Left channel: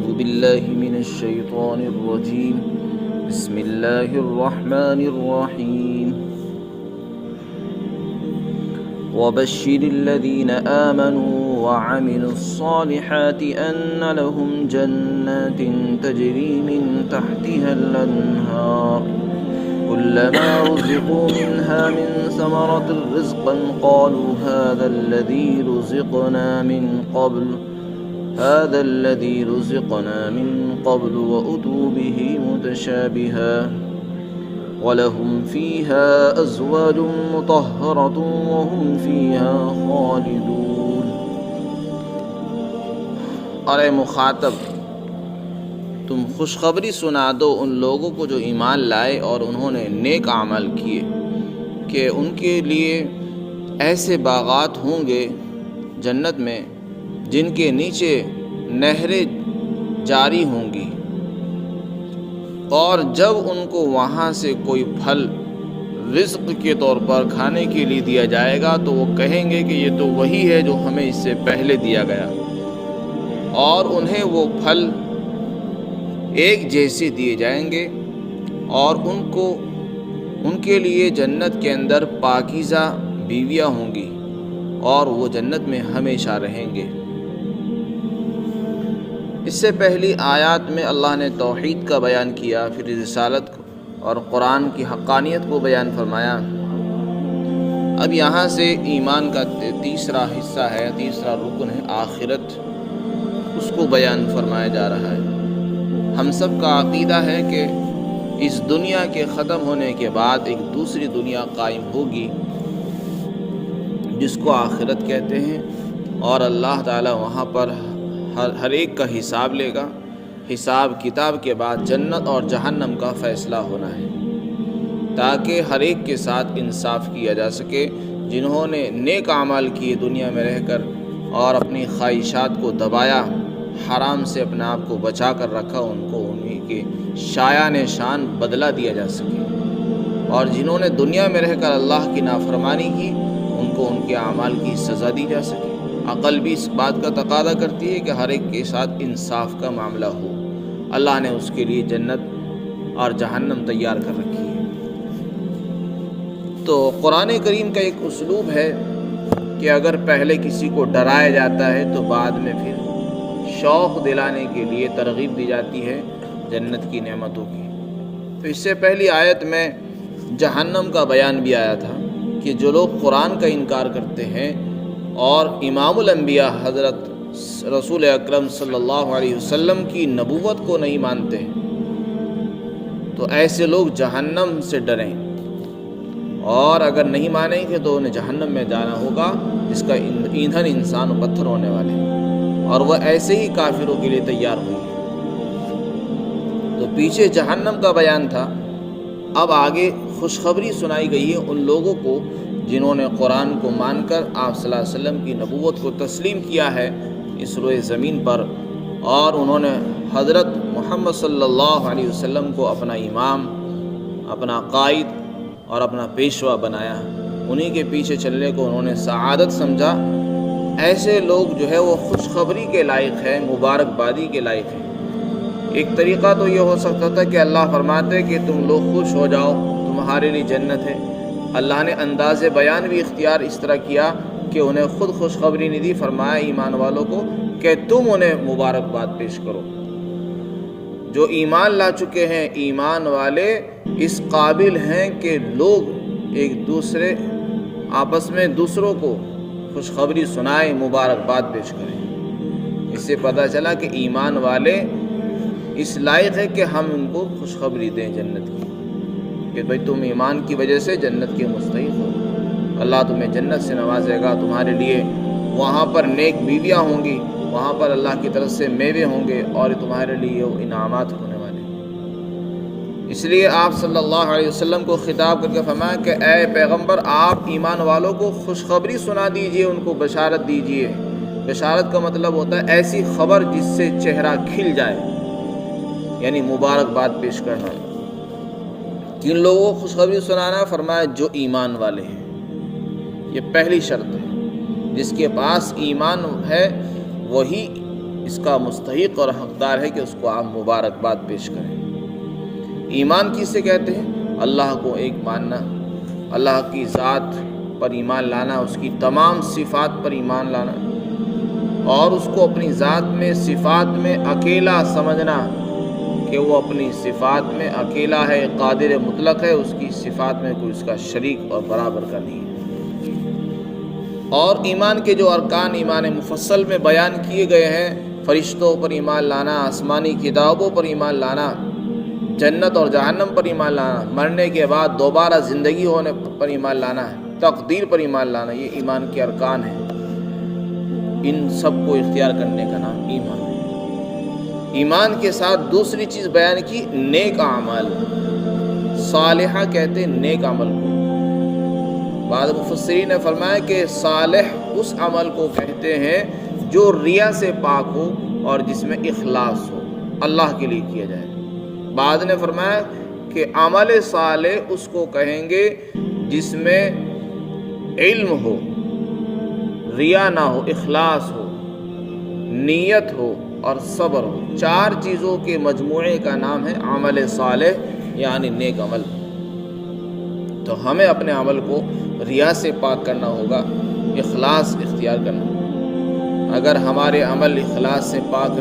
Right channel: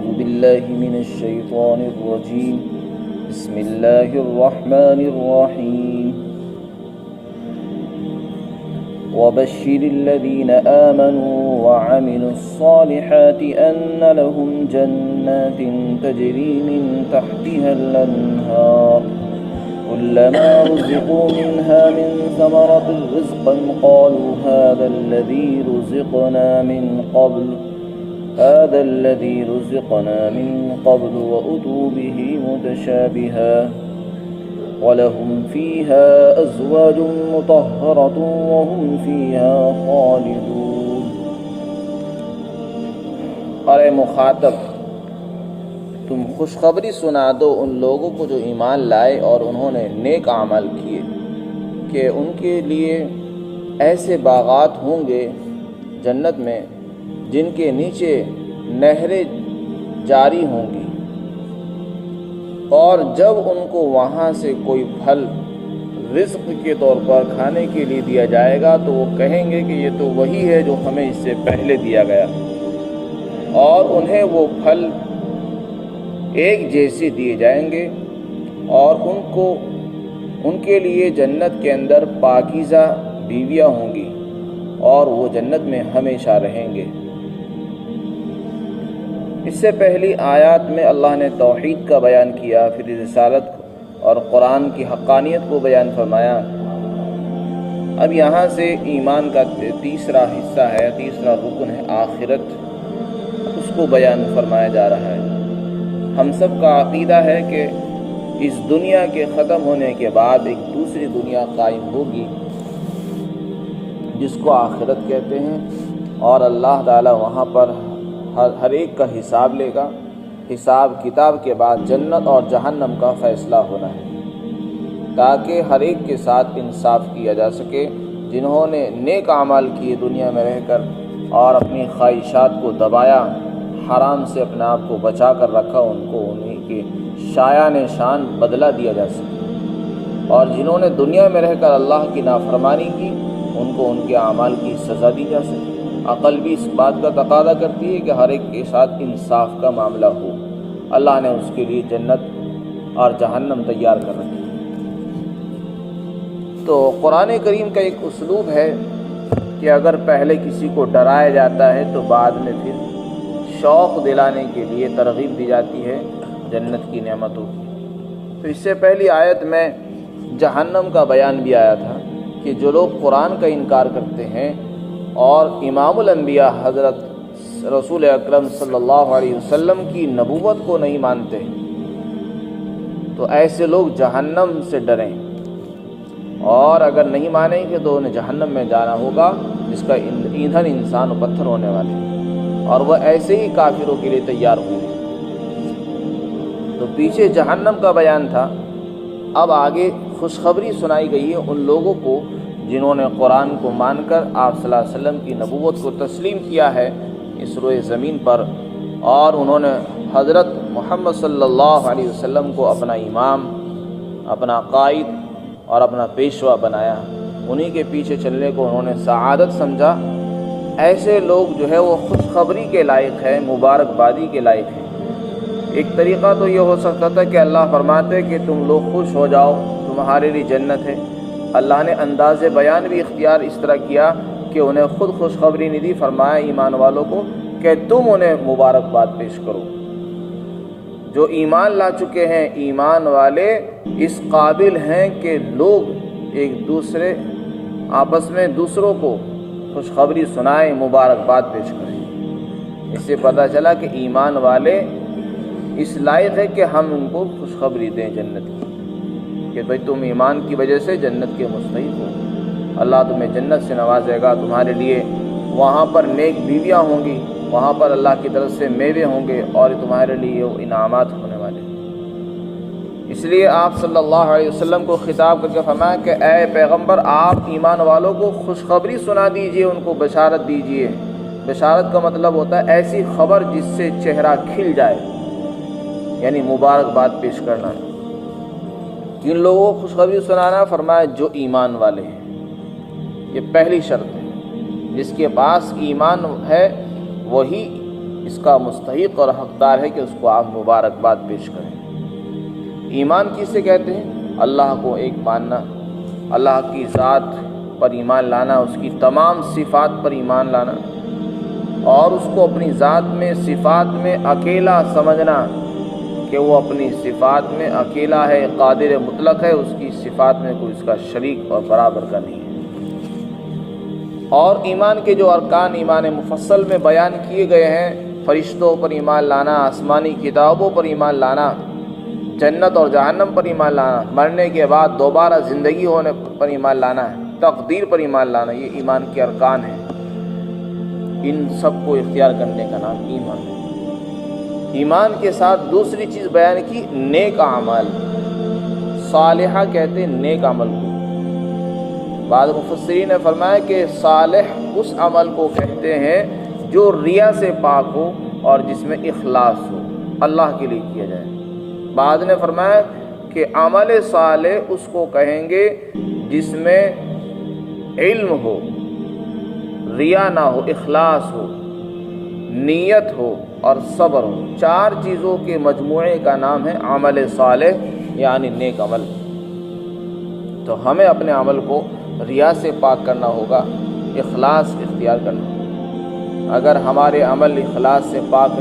أعوذ بالله من الشيطان الرجيم بسم الله الرحمن الرحيم وبشر الذين آمنوا وعملوا الصالحات أن لهم جنات تجري من تحتها الأنهار كلما رزقوا منها من ثمرة رزقا قالوا هذا الذي رزقنا من قبل وأتوا به متشابها وَلَهُمْ فِيهَا أَزْوَاجٌ مُطَهَّرَةٌ وَهُمْ فِيهَا خَالِدُونَ۔ اور اے مخاطب، تم خوشخبری سنا دو ان لوگوں کو جو ایمان لائے اور انہوں نے نیک اعمال کیے کہ ان کے لیے ایسے باغات ہوں گے جنت میں جن کے نیچے نہریں جاری ہوں گی، اور جب ان کو وہاں سے کوئی پھل رزق کے طور پر کھانے کے لیے دیا جائے گا تو وہ کہیں گے کہ یہ تو وہی ہے جو ہمیں اس سے پہلے دیا گیا، اور انہیں وہ پھل ایک جیسے دیے جائیں گے، اور ان کے لیے جنت کے اندر پاکیزہ بیویاں ہوں گی اور وہ جنت میں ہمیشہ رہیں گے۔ اس سے پہلی آیات میں اللہ نے توحید کا بیان کیا، پھر رسالت اور قرآن کی حقانیت کو بیان فرمایا۔ اب یہاں سے ایمان کا تیسرا حصہ ہے، تیسرا رکن ہے آخرت، اس کو بیان فرمایا جا رہا ہے۔ ہم سب کا عقیدہ ہے کہ اس دنیا کے ختم ہونے کے بعد ایک دوسری دنیا قائم ہوگی جس کو آخرت کہتے ہیں، اور اللہ تعالی وہاں پر ہر ایک کا حساب لے گا۔ حساب کتاب کے بعد جنت اور جہنم کا فیصلہ ہونا ہے، تاکہ ہر ایک کے ساتھ انصاف کیا جا سکے۔ جنہوں نے نیک اعمال کیے دنیا میں رہ کر اور اپنی خواہشات کو دبایا، حرام سے اپنے آپ کو بچا کر رکھا، ان کو انہیں کے شایان شان بدلہ دیا جا سکے، اور جنہوں نے دنیا میں رہ کر اللہ کی نافرمانی کی ان کو ان کے اعمال کی سزا دی جا سکے۔ عقل بھی اس بات کا تقاضا کرتی ہے کہ ہر ایک کے ساتھ انصاف کا معاملہ ہو۔ اللہ نے اس کے لیے جنت اور جہنم تیار کر رکھی ہے۔ تو قرآن کریم کا ایک اسلوب ہے کہ اگر پہلے کسی کو ڈرایا جاتا ہے تو بعد میں پھر شوق دلانے کے لیے ترغیب دی جاتی ہے جنت کی نعمتوں کی۔ تو اس سے پہلی آیت میں جہنم کا بیان بھی آیا تھا کہ جو لوگ قرآن کا انکار کرتے ہیں اور امام الانبیاء حضرت رسول اکرم صلی اللہ علیہ وسلم کی نبوت کو نہیں مانتے تو ایسے لوگ جہنم سے ڈریں، اور اگر نہیں مانیں گے تو انہیں جہنم میں جانا ہوگا جس کا ایندھن انسان و پتھر ہونے والے ہیں، اور وہ ایسے ہی کافروں کے لیے تیار ہوئی ہے۔ تو پیچھے جہنم کا بیان تھا، اب آگے خوشخبری سنائی گئی ہے ان لوگوں کو جنہوں نے قرآن کو مان کر آپ صلی اللہ علیہ وسلم کی نبوت کو تسلیم کیا ہے اس روئے زمین پر، اور انہوں نے حضرت محمد صلی اللہ علیہ وسلم کو اپنا امام، اپنا قائد اور اپنا پیشوا بنایا، انہی کے پیچھے چلنے کو انہوں نے سعادت سمجھا۔ ایسے لوگ جو ہے وہ خوشخبری کے لائق ہیں، مبارکبادی کے لائق ہیں۔ ایک طریقہ تو یہ ہو سکتا تھا کہ اللہ فرماتے کہ تم لوگ خوش ہو جاؤ، تمہارے لیے جنت ہے۔ اللہ نے انداز بیان بھی اختیار اس طرح کیا کہ انہیں خود خوشخبری نہیں دی، فرمایا ایمان والوں کو کہ تم انہیں مبارکباد پیش کرو۔ جو ایمان لا چکے ہیں ایمان والے اس قابل ہیں کہ لوگ ایک دوسرے آپس میں دوسروں کو خوشخبری سنائیں، مبارکباد پیش کریں۔ اس سے پتہ چلا کہ ایمان والے اس لائق ہے کہ ہم ان کو خوشخبری دیں جنت کی، کہ بھئی تم ایمان کی وجہ سے جنت کے مستحق ہو، اللہ تمہیں جنت سے نوازے گا، تمہارے لیے وہاں پر نیک بیویاں ہوں گی، وہاں پر اللہ کی طرف سے میوے ہوں گے، اور تمہارے لیے انعامات ہونے والے ہیں۔ اس لیے آپ صلی اللہ علیہ وسلم کو خطاب کر کے فرمایا کہ اے پیغمبر، آپ ایمان والوں کو خوشخبری سنا دیجئے، ان کو بشارت دیجئے۔ بشارت کا مطلب ہوتا ہے ایسی خبر جس سے چہرہ کھل جائے، یعنی مبارکباد پیش کرنا۔ کن لوگوں کو خوشخبری سنانا؟ فرمایا جو ایمان والے ہیں، یہ پہلی شرط ہے۔ جس کے پاس ایمان ہے وہی اس کا مستحق اور حقدار ہے کہ اس کو آپ مبارکباد پیش کریں۔ ایمان کسے کہتے ہیں؟ اللہ کو ایک ماننا، اللہ کی ذات پر ایمان لانا، اس کی تمام صفات پر ایمان لانا، اور اس کو اپنی ذات میں صفات میں اکیلا سمجھنا کہ وہ اپنی صفات میں اکیلا ہے، قادر مطلق ہے، اس کی صفات میں کوئی اس کا شریک اور برابر کا نہیں ہے۔ اور ایمان کے جو ارکان ایمان مفصل میں بیان کیے گئے ہیں، فرشتوں پر ایمان لانا، آسمانی کتابوں پر ایمان لانا، جنت اور جہنم پر ایمان لانا، مرنے کے بعد دوبارہ زندگی ہونے پر ایمان لانا ہے، تقدیر پر ایمان لانا، یہ ایمان کے ارکان ہیں۔ ان سب کو اختیار کرنے کا نام ایمان ہے۔ ایمان کے ساتھ دوسری چیز بیان کی، نیک اعمال، صالحہ کہتے ہیں نیک عمل کو۔ بعض مفسرین نے فرمایا کہ صالح اس عمل کو کہتے ہیں جو ریا سے پاک ہو اور جس میں اخلاص ہو، اللہ کے لیے کیا جائے۔ بعض نے فرمایا کہ عمل صالح اس کو کہیں گے جس میں علم ہو، ریا نہ ہو، اخلاص ہو، نیت ہو اور صبر ہو۔ چار چیزوں کے مجموعے کا نام ہے عمل صالح، یعنی نیک عمل۔ تو ہمیں اپنے عمل کو ریا سے پاک کرنا ہوگا، اخلاص اختیار کرنا ہوگا۔ اگر ہمارے عمل اخلاص سے پاک،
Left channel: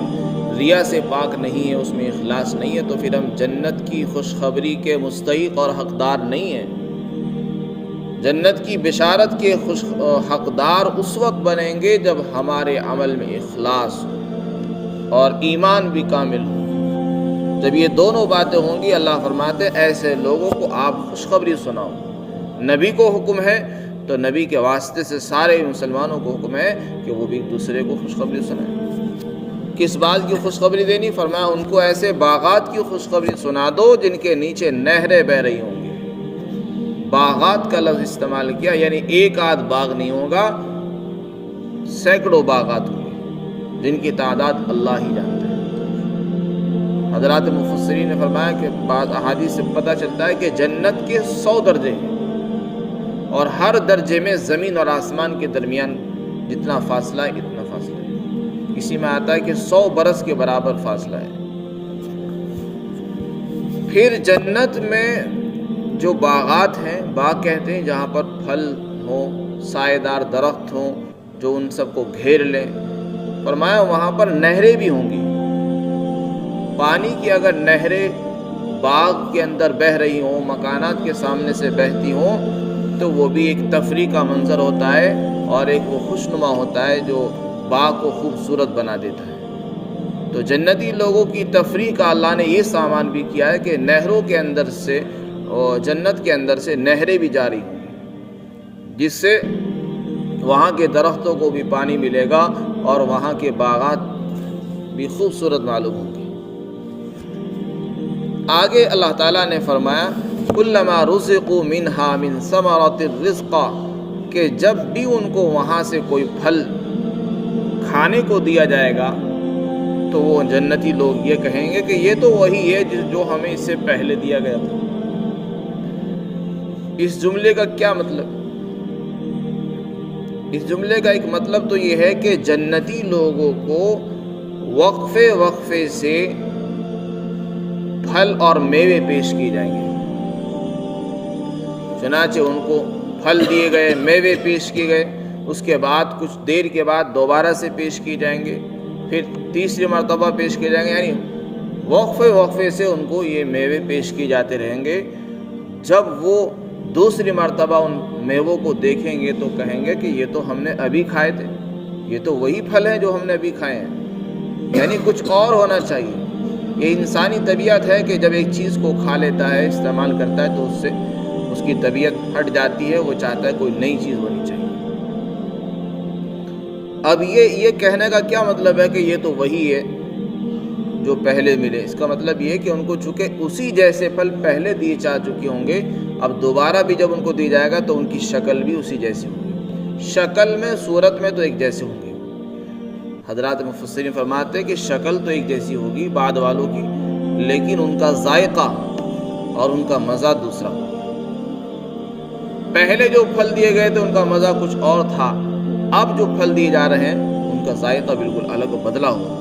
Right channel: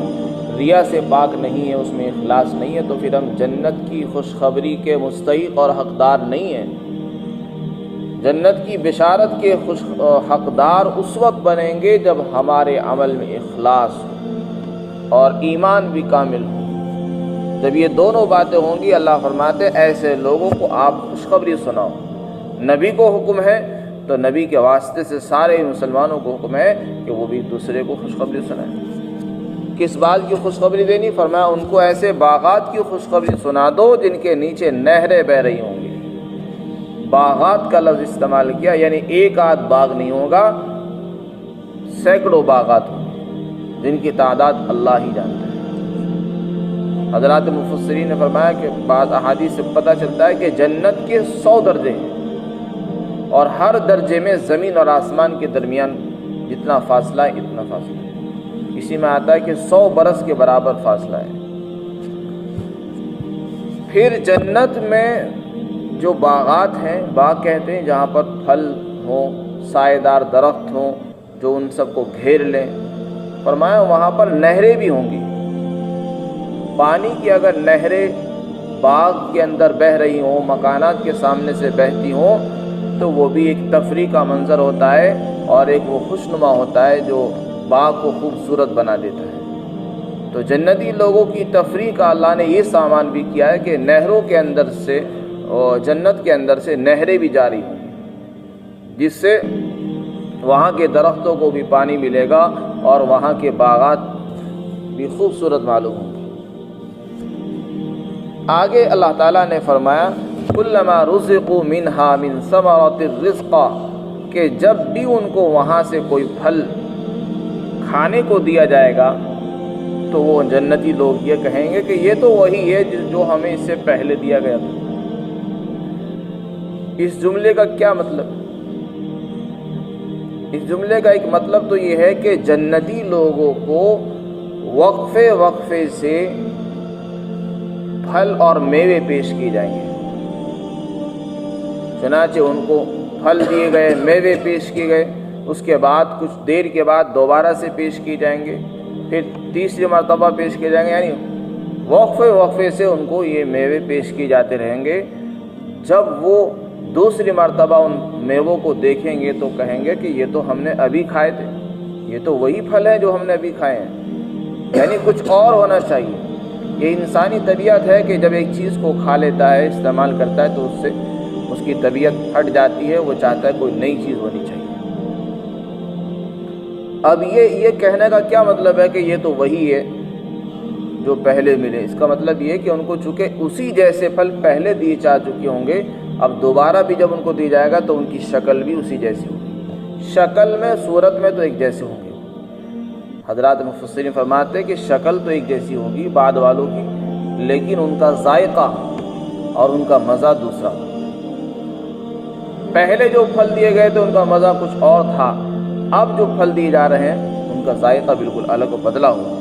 ریا سے پاک نہیں ہے، اس میں اخلاص نہیں ہے، تو پھر ہم جنت کی خوشخبری کے مستحق اور حقدار نہیں ہیں۔ جنت کی بشارت کے حقدار اس وقت بنیں گے جب ہمارے عمل میں اخلاص اور ایمان بھی کامل ہو۔ جب یہ دونوں باتیں ہوں گی، اللہ فرماتے ہیں ایسے لوگوں کو آپ خوشخبری سناؤ۔ نبی کو حکم ہے تو نبی کے واسطے سے سارے مسلمانوں کو حکم ہے کہ وہ بھی ایک دوسرے کو خوشخبری سنائیں۔ کس بات کی خوشخبری دینی؟ فرمایا ان کو ایسے باغات کی خوشخبری سنا دو جن کے نیچے نہریں بہہ رہی ہوں گی۔ باغات کا لفظ استعمال کیا، یعنی ایک آدھ باغ نہیں ہوگا، سینکڑوں باغات ہوں گے جن کی تعداد اللہ ہی جانتا ہے۔ حضرات مفسرین نے فرمایا کہ بعض احادیث سے پتہ چلتا ہے کہ جنت کے 100 درجے ہیں، اور ہر درجے میں زمین اور آسمان کے درمیان جتنا فاصلہ ہے اتنا فاصلہ ہے۔ اسی میں آتا ہے کہ 100 برس کے برابر فاصلہ ہے۔ پھر جنت میں جو باغات ہیں، باغ کہتے ہیں جہاں پر پھل ہوں، سائے دار درخت ہوں جو ان سب کو گھیر لیں۔ فرمایا وہاں پر نہریں بھی ہوں گی۔ پانی کی اگر نہریں باغ کے اندر بہہ رہی ہوں، مکانات کے سامنے سے بہتی ہوں، تو وہ بھی ایک تفریح کا منظر ہوتا ہے اور ایک وہ خوشنما ہوتا ہے جو باغ کو خوبصورت بنا دیتا ہے۔ تو جنتی لوگوں کی تفریح کا اللہ نے یہ سامان بھی کیا ہے کہ نہروں کے اندر سے، جنت کے اندر سے نہریں بھی جاری ہوں گی، جس سے وہاں کے درختوں کو بھی پانی ملے گا اور وہاں کے باغات بھی خوبصورت معلوم ہوں گے۔ آگے اللہ تعالیٰ نے فرمایا کلما رزقوا منہا من ثمرۃ الرزق، کہ جب بھی ان کو وہاں سے کوئی پھل کھانے کو دیا جائے گا تو وہ جنتی لوگ یہ کہیں گے کہ یہ تو وہی ہے جو ہمیں اس سے پہلے دیا گیا تھا۔ اس جملے کا کیا مطلب؟ اس جملے کا ایک مطلب تو یہ ہے کہ جنتی لوگوں کو وقفے وقفے سے پھل اور میوے پیش کیے جائیں گے۔ چنانچہ ان کو پھل دیے گئے، میوے پیش کیے گئے، اس کے بعد کچھ دیر کے بعد دوبارہ سے پیش کیے جائیں گے، پھر تیسری مرتبہ پیش کیے جائیں گے، یعنی وقفے وقفے سے ان کو یہ میوے پیش کیے جاتے رہیں گے۔ جب وہ دوسری مرتبہ ان میووں کو دیکھیں گے تو کہیں گے کہ یہ تو ہم نے ابھی کھائے تھے، یہ تو وہی پھل ہیں جو ہم نے ابھی کھائے ہیں، یعنی کچھ اور ہونا چاہیے۔ یہ انسانی طبیعت ہے کہ جب ایک چیز کو کھا لیتا ہے، استعمال کرتا ہے، تو اس سے اس کی طبیعت ہٹ جاتی ہے، وہ چاہتا ہے کوئی نئی چیز ہونی چاہیے۔ اب یہ کہنے کا کیا مطلب ہے کہ یہ تو وہی ہے جو پہلے ملے؟ اس کا مطلب یہ ہے کہ ان کو چونکہ اسی جیسے پھل پہلے دیے جا چکے ہوں گے، اب دوبارہ بھی جب ان کو دی جائے گا تو ان کی شکل بھی اسی جیسی ہوگی، شکل میں صورت میں تو ایک جیسے ہوں گے۔ حضرات مفسرین فرماتے ہیں کہ شکل تو ایک جیسی ہوگی بعد والوں کی، لیکن ان کا ذائقہ اور ان کا مزہ دوسرا ہوگا۔ پہلے جو پھل دیے گئے تھے ان کا مزہ کچھ اور تھا، اب جو پھل دیے جا رہے ہیں ان کا ذائقہ بالکل الگ و بدلا ہوا۔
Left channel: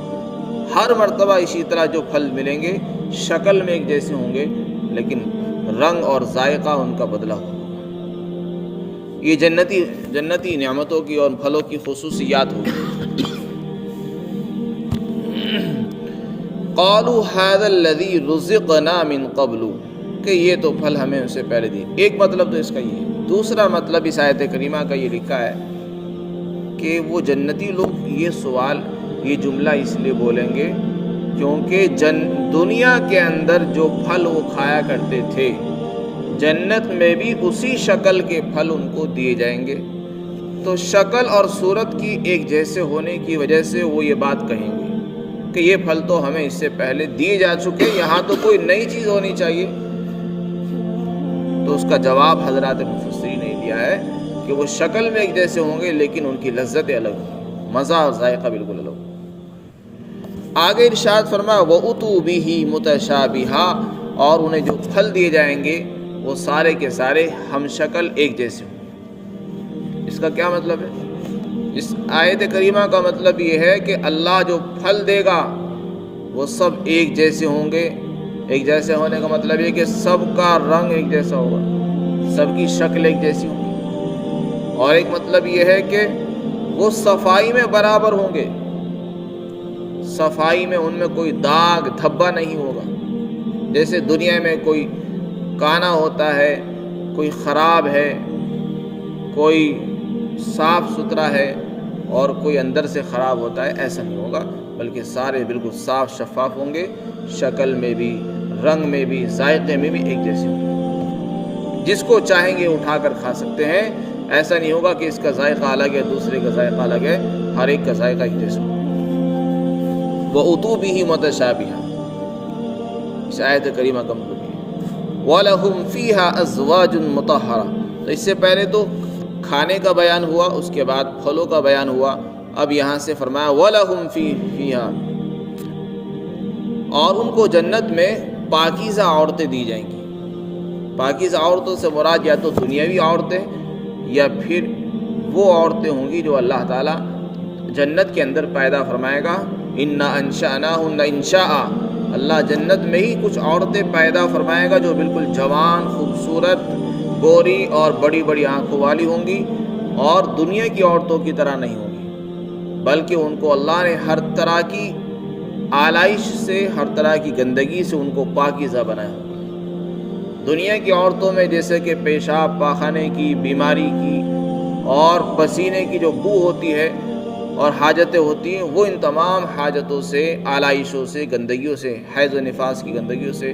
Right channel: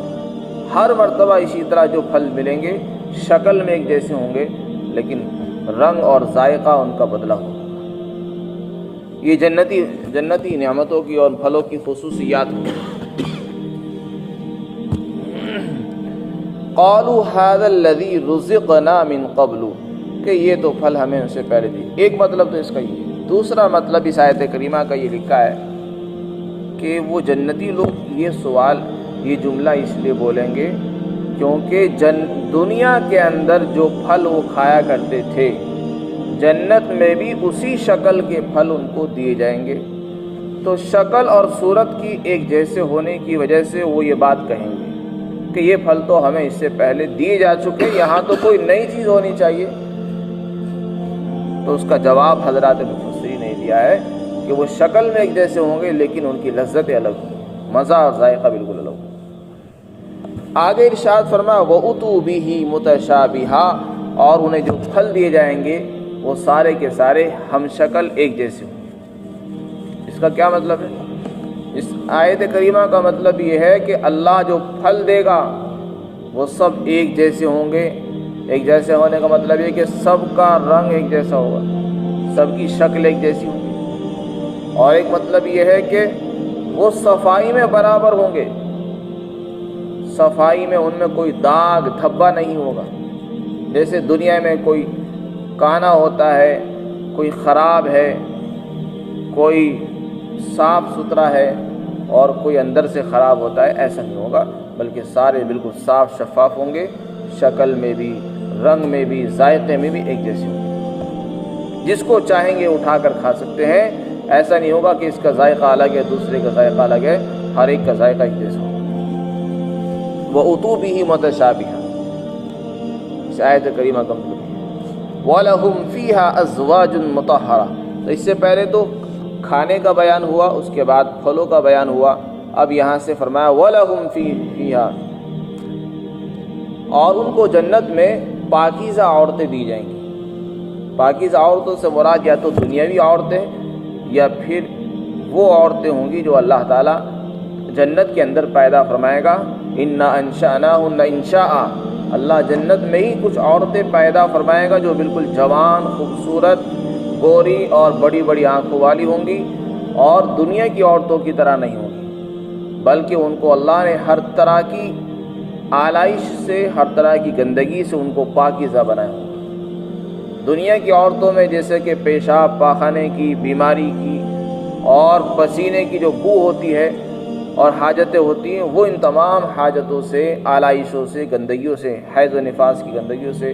ہر مرتبہ اسی طرح جو پھل ملیں گے شکل میں ایک جیسے ہوں گے، لیکن رنگ اور ذائقہ ان کا بدلا ہوگا۔ یہ جنتی نعمتوں کی اور پھلوں کی خصوصیات ہوگی۔ قالوا هذا الذي رزقنا من قبل، کہ یہ تو پھل ہمیں اس سے پہلے دی۔ ایک مطلب تو اس کا یہ ہے۔ دوسرا مطلب اس آیت کریمہ کا یہ لکھا ہے کہ وہ جنتی لوگ یہ سوال، یہ جملہ اس لیے بولیں گے کیونکہ دنیا کے اندر جو پھل وہ کھایا کرتے تھے، جنت میں بھی اسی شکل کے پھل ان کو دیے جائیں گے، تو شکل اور صورت کی ایک جیسے ہونے کی وجہ سے وہ یہ بات کہیں گے کہ یہ پھل تو ہمیں اس سے پہلے دیے جا چکے، یہاں تو کوئی نئی چیز ہونی چاہیے۔ تو اس کا جواب حضرات مفسرین نے دیا ہے کہ وہ شکل میں ایک جیسے ہوں گے لیکن ان کی لذتیں الگ ہوں، مزہ اور ذائقہ بالکل الگ ہوں۔ آگے ارشاد فرمایا وَأُتُوا بِهِ مُتَشَابِهًا، اور انہیں جو پھل دیے جائیں گے وہ سارے کے سارے ہم شکل ایک جیسے ہوں۔ اس کا کیا مطلب ہے؟ اس آیت کریمہ کا مطلب یہ ہے کہ اللہ جو پھل دے گا وہ سب ایک جیسے ہوں گے۔ ایک جیسے ہونے کا مطلب یہ کہ سب کا رنگ ایک جیسا ہوگا، سب کی شکل ایک جیسی ہوگی، اور ایک مطلب یہ ہے کہ وہ صفائی میں برابر ہوں گے، صفائی میں ان میں کوئی داغ دھبا نہیں ہوگا۔ جیسے دنیا میں کوئی کانا ہوتا ہے، کوئی خراب ہے، کوئی صاف ستھرا ہے اور کوئی اندر سے خراب ہوتا ہے، ایسا نہیں ہوگا، بلکہ سارے بالکل صاف شفاف ہوں گے، شکل میں بھی، رنگ میں بھی، ذائقے میں بھی ایک جیسے ہوں گے۔ جس کو چاہیں گے اٹھا کر کھا سکتے ہیں، ایسا نہیں ہوگا کہ اس کا ذائقہ الگ ہے دوسرے کا ذائقہ الگ ہے، ہر ایک کا ذائقہ ایک جیسا ہوگا۔ وَأُتُوا بِهِ مُتَشَابِهًا، اس آیت کریمہ کا مطلب ہے وَلَهُمْ فِيهَا أَزْوَاجٌ مُطَهَّرَةٌ۔ تو اس سے پہلے تو کھانے کا بیان ہوا، اس کے بعد پھلوں کا بیان ہوا، اب یہاں سے فرمایا وَلَهُمْ فِيهَا، اور ان کو جنت میں پاکیزہ عورتیں دی جائیں گی۔ پاکیزہ عورتوں سے مراد یا تو دنیاوی عورتیں یا پھر وہ عورتیں ہوں گی جو اللہ تعالیٰ جنت کے اندر پیدا فرمائے گا۔ اِنَّا أَنشَأْنَاهُنَّ إِنشَاءً، اللہ جنت میں ہی کچھ عورتیں پیدا فرمائے گا جو بالکل جوان، خوبصورت، گوری اور بڑی بڑی آنکھوں والی ہوں گی، اور دنیا کی عورتوں کی طرح نہیں ہوں گی، بلکہ ان کو اللہ نے ہر طرح کی آلائش سے، ہر طرح کی گندگی سے ان کو پاکیزہ بنایا ہوگا۔ دنیا کی عورتوں میں جیسے کہ پیشاب پاخانے کی، بیماری کی اور پسینے کی جو بو ہوتی ہے اور حاجتیں ہوتی ہیں، وہ ان تمام حاجتوں سے، آلائشوں سے، گندگیوں سے، حیض و نفاس کی گندگیوں سے،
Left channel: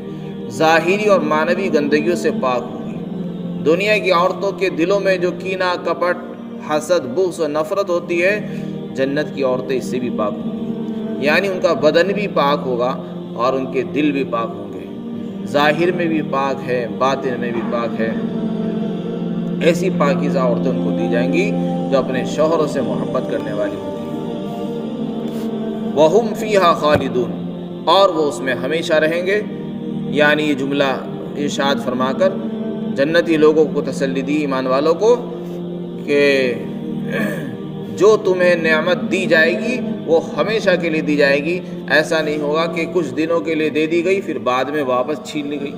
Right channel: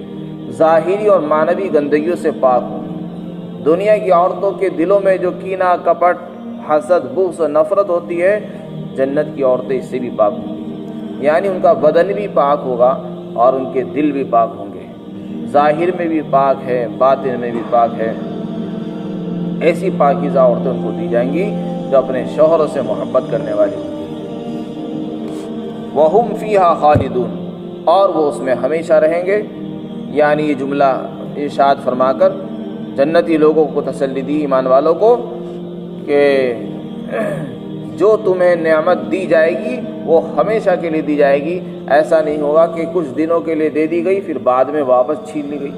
ظاہری اور معنوی گندگیوں سے پاک ہوگی۔ دنیا کی عورتوں کے دلوں میں جو کینہ، کپٹ، حسد، بغض و نفرت ہوتی ہے، جنت کی عورتیں اس سے بھی پاک ہوں گی، یعنی ان کا بدن بھی پاک ہوگا اور ان کے دل بھی پاک ہوں گے، ظاہر میں بھی پاک ہے، باطن میں بھی پاک ہے۔ ایسی پاکیزہ عورتیں ان کو دی جائیں گی جو اپنے شوہروں سے محبت کرنے والی ہوں گی۔ وَهُمْ فِيهَا خَالِدُونَ، اور وہ اس میں ہمیشہ رہیں گے۔ یعنی یہ جملہ ارشاد فرما کر جنتی لوگوں کو تسلی دی، ایمان والوں کو، کہ جو تمہیں نعمت دی جائے گی وہ ہمیشہ کے لیے دی جائے گی۔ ایسا نہیں ہوگا کہ کچھ دنوں کے لیے دے دی گئی پھر بعد میں واپس چھین لی گئی،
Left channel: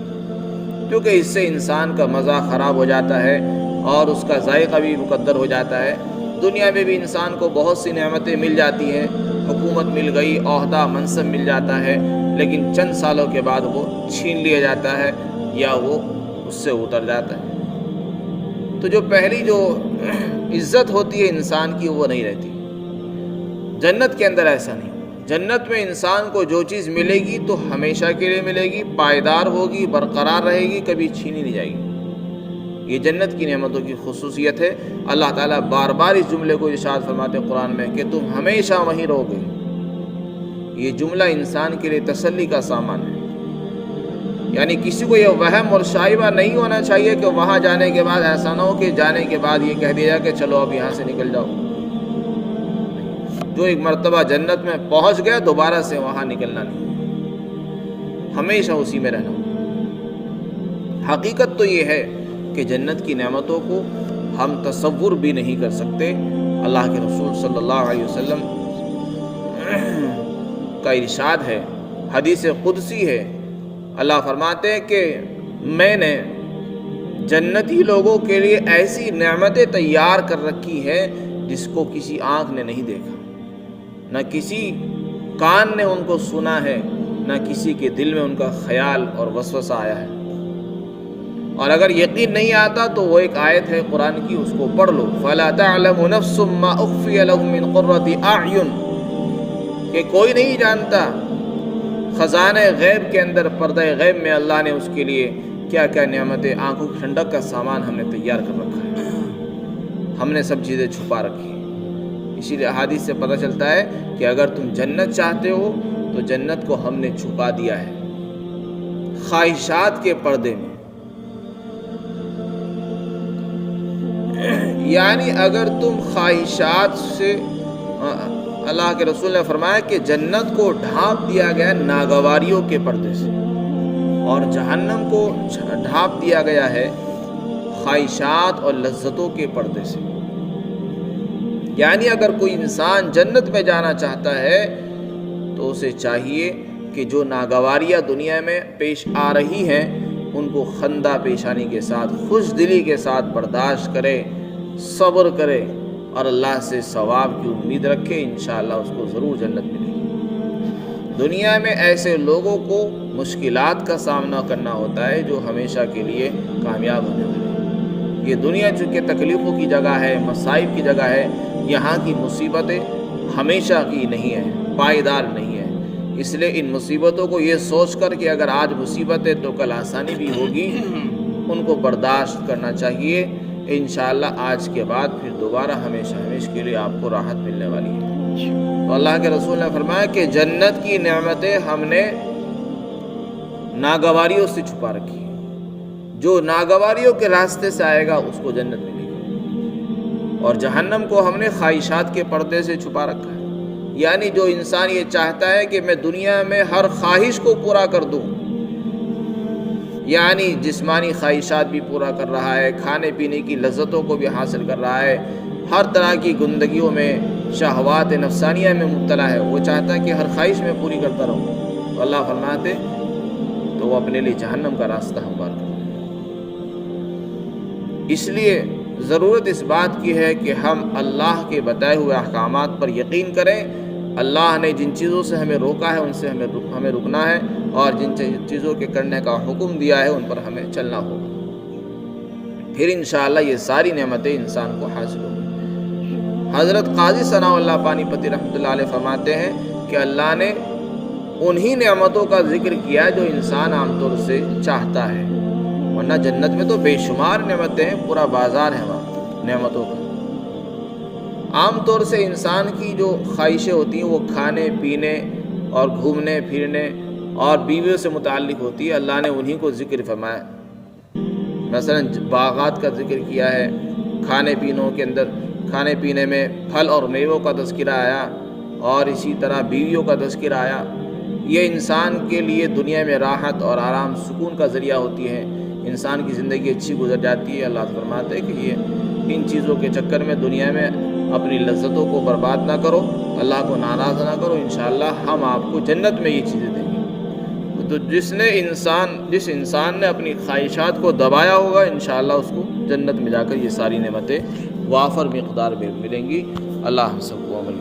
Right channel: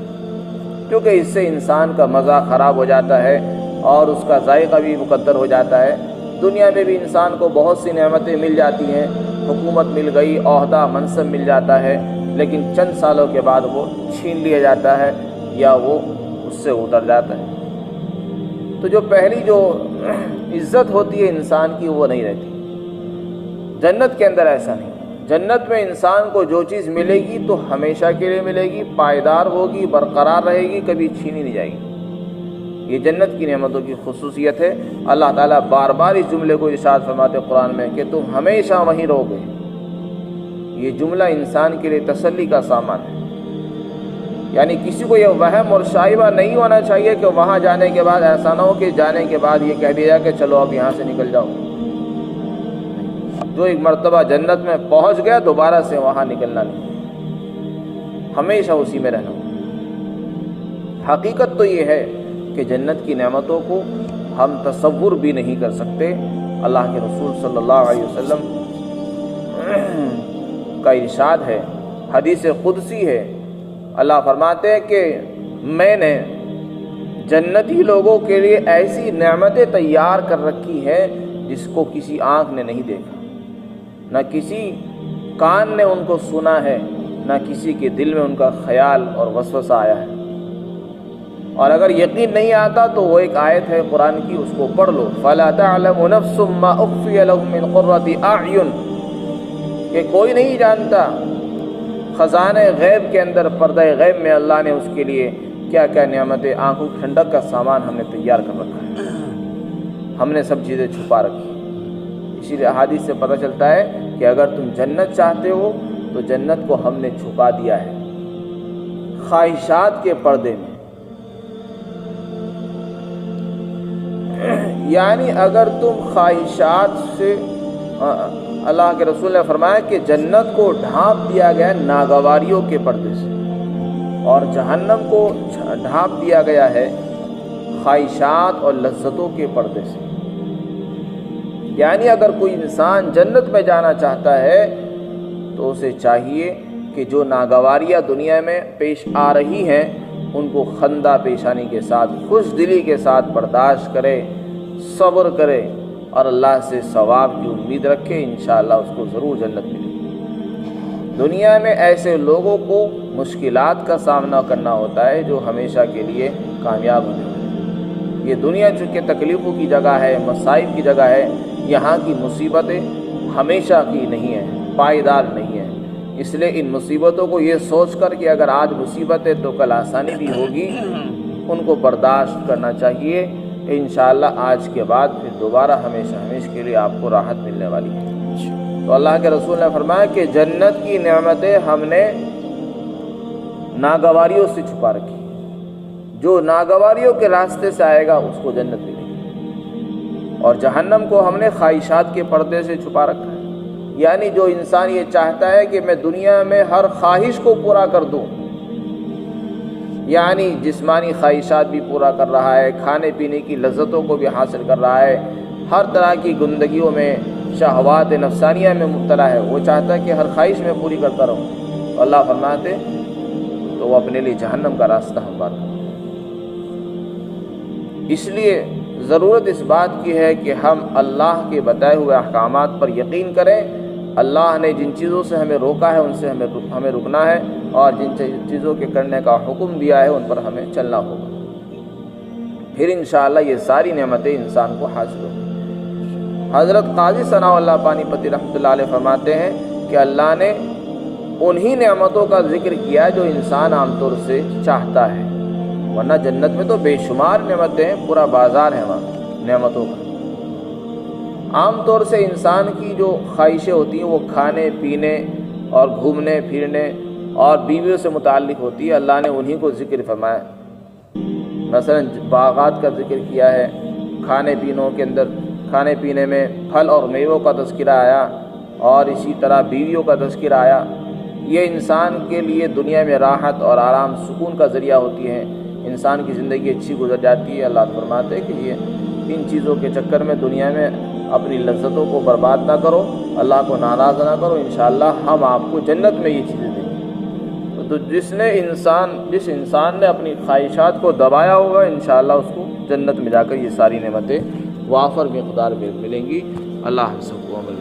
کیونکہ اس سے انسان کا مزہ خراب ہو جاتا ہے اور اس کا ذائقہ بھی مقدر ہو جاتا ہے۔ دنیا میں بھی انسان کو بہت سی نعمتیں مل جاتی ہیں، حکومت مل گئی، عہدہ منصب مل جاتا ہے، لیکن چند سالوں کے بعد وہ چھین لیا جاتا ہے یا وہ اس سے اتر جاتا ہے۔ تو جو پہلی جو عزت ہوتی ہے انسان کی وہ نہیں رہتی۔ جنت کے اندر ایسا نہیں، جنت میں انسان کو جو چیز ملے گی تو ہمیشہ کے لیے ملے گی، پائیدار ہوگی، برقرار رہے گی، کبھی چھینی نہیں جائے گی۔ یہ جنت کی نعمتوں کی خصوصیت ہے۔ اللہ تعالیٰ بار بار اس جملے کو ارشاد فرماتے ہیں قرآن میں کہ تم ہمیشہ وہیں رہو گے۔ یہ جملہ انسان کے لیے تسلی کا سامان ہے، یعنی کسی کو یہ وہم اور شائبہ نہیں ہونا چاہیے کہ وہاں جانے کے بعد ایسا نہ ہو کہ جانے کے بعد یہ کہہ دیا کہ چلو اب یہاں سے نکل جاؤ۔ جو ایک مرتبہ جنت میں پہنچ گیا دوبارہ سے وہاں نکلنا نہیں، ہمیشہ اسی میں رہنا۔ حقیقت تو یہ ہے کہ جنت کی نعمتوں کو ہم تصور بھی نہیں کر سکتے۔ اللہ کے رسول صلی اللہ علیہ وسلم کا ارشاد ہے، حدیث قدسی ہے، اللہ فرماتے ہیں کہ میں نے جنتی لوگوں کے لیے ایسی نعمتیں تیار کر رکھی ہے جس کو کسی آنکھ نے نہیں دیکھا، نہ کسی کان نے ان کو سنا ہے، نہ کسی کے دل میں ان کا خیال اور وسوسہ آیا ہے۔ اور اگر یقین نہیں آتا تو وہ ایک آیت ہے قرآن کی، اس کو پڑھ لو، فَلَا تَعْلَمُ نَفْسٌ مَّا أُخْفِيَ لَهُم مِّن قُرَّةِ أَعْيُنٍ، کہ کوئی نہیں جانتا خزانہ غیب کے اندر، پردہ غیب میں اللہ نے اس کے لیے کیا کیا نعمتیں، آنکھوں کی ٹھنڈک کا سامان ہم نے تیار کر رکھا ہے، ہم نے سب چیزیں چھپا رکھی۔ اسی لیے احادیث سے پتہ چلتا ہے کہ اگر تم جنت چاہتے ہو تو جنت کو ہم نے چھپا دیا ہے خواہشات کے پردے میں۔ یعنی اگر تم خواہشات سے، اللہ کے رسول نے فرمایا کہ جنت کو ڈھانپ دیا گیا ناگواریوں کے پردے سے، اور جہنم کو ڈھانپ دیا گیا ہے خواہشات اور لذتوں کے پردے سے۔ یعنی اگر کوئی انسان جنت میں جانا چاہتا ہے تو اسے چاہیے کہ جو ناگواریاں دنیا میں پیش آ رہی ہیں ان کو خندہ پیشانی کے ساتھ، خوش دلی کے ساتھ برداشت کرے، صبر کرے اور اللہ سے ثواب کی امید رکھے، انشاءاللہ اس کو ضرور جنت ملے گی۔ دنیا میں ایسے لوگوں کو مشکلات کا سامنا کرنا ہوتا ہے جو ہمیشہ کے لیے کامیاب ہونے والے ہیں۔ یہ دنیا چونکہ تکلیفوں کی جگہ ہے، مصائب کی جگہ ہے، یہاں کی مصیبتیں ہمیشہ کی نہیں ہیں، پائیدار نہیں ہیں۔ اس لیے ان مصیبتوں کو یہ سوچ کر کہ اگر آج مصیبت ہے تو کل آسانی بھی ہوگی، ان کو برداشت کرنا چاہیے۔ انشاءاللہ آج کے بعد پھر دوبارہ ہمیشہ کے لیے آپ کو راحت ملنے والی ہے۔ تو اللہ کے رسول نے فرمایا کہ جنت کی نعمتیں ہم نے ناگواریوں سے چھپا رکھی، جو ناگواریوں کے راستے سے آئے گا اس کو جنت ملے گی، اور جہنم کو ہم نے خواہشات کے پردے سے چھپا رکھا ہے۔ یعنی جو انسان یہ چاہتا ہے کہ میں دنیا میں ہر خواہش کو پورا کر دوں، یعنی جسمانی خواہشات بھی پورا کر رہا ہے، کھانے پینے کی لذتوں کو بھی حاصل کر رہا ہے، ہر طرح کی گندگیوں میں، شہوات نفسانیہ میں مبتلا ہے، وہ چاہتا ہے کہ ہر خواہش میں پوری کرتا رہوں، اللہ فرماتے تو وہ اپنے لیے جہنم کا راستہ ہموار کرتا ہے۔ اس لیے ضرورت اس بات کی ہے کہ ہم اللہ کے بتائے ہوئے احکامات پر یقین کریں۔ اللہ نے جن چیزوں سے ہمیں روکا ہے ان سے ہمیں رکنا ہے، اور جن چیزوں کے کرنے کا حکم دیا ہے ان پر ہمیں چلنا ہوگا، پھر انشاءاللہ یہ ساری نعمتیں انسان کو حاصل ہوں۔ حضرت قاضی ثناء اللہ پانی پتی رحمۃ اللہ علیہ فرماتے ہیں کہ اللہ نے انہی نعمتوں کا ذکر کیا جو انسان عام طور سے چاہتا ہے، ورنہ جنت میں تو بے شمار نعمتیں ہیں، پورا بازار ہے وہاں نعمتوں کا۔ عام طور سے انسان کی جو خواہشیں ہوتی ہیں وہ کھانے پینے اور گھومنے پھرنے اور بیویوں سے متعلق ہوتی ہے، اللہ نے انہی کو ذکر فرمایا۔ مثلا باغات کا ذکر کیا ہے، کھانے پینوں کے اندر، کھانے پینے میں پھل اور میووں کا تذکرہ آیا، اور اسی طرح بیویوں کا تذکرہ آیا۔ یہ انسان کے لیے دنیا میں راحت اور آرام سکون کا ذریعہ ہوتی ہے، انسان کی زندگی اچھی گزر جاتی ہے۔ اللہ فرماتے ہیں کہ یہ ان چیزوں کے چکر میں دنیا میں اپنی لذتوں کو برباد نہ کرو، اللہ کو ناراض نہ کرو، انشاءاللہ ہم آپ کو جنت میں یہ چیزیں دیں گے۔ تو جس انسان نے اپنی خواہشات کو دبایا ہوگا، انشاءاللہ اس کو جنت میں جا کر یہ ساری نعمتیں وافر مقدار میں ملیں گی۔ اللہ ہم سب کو عمل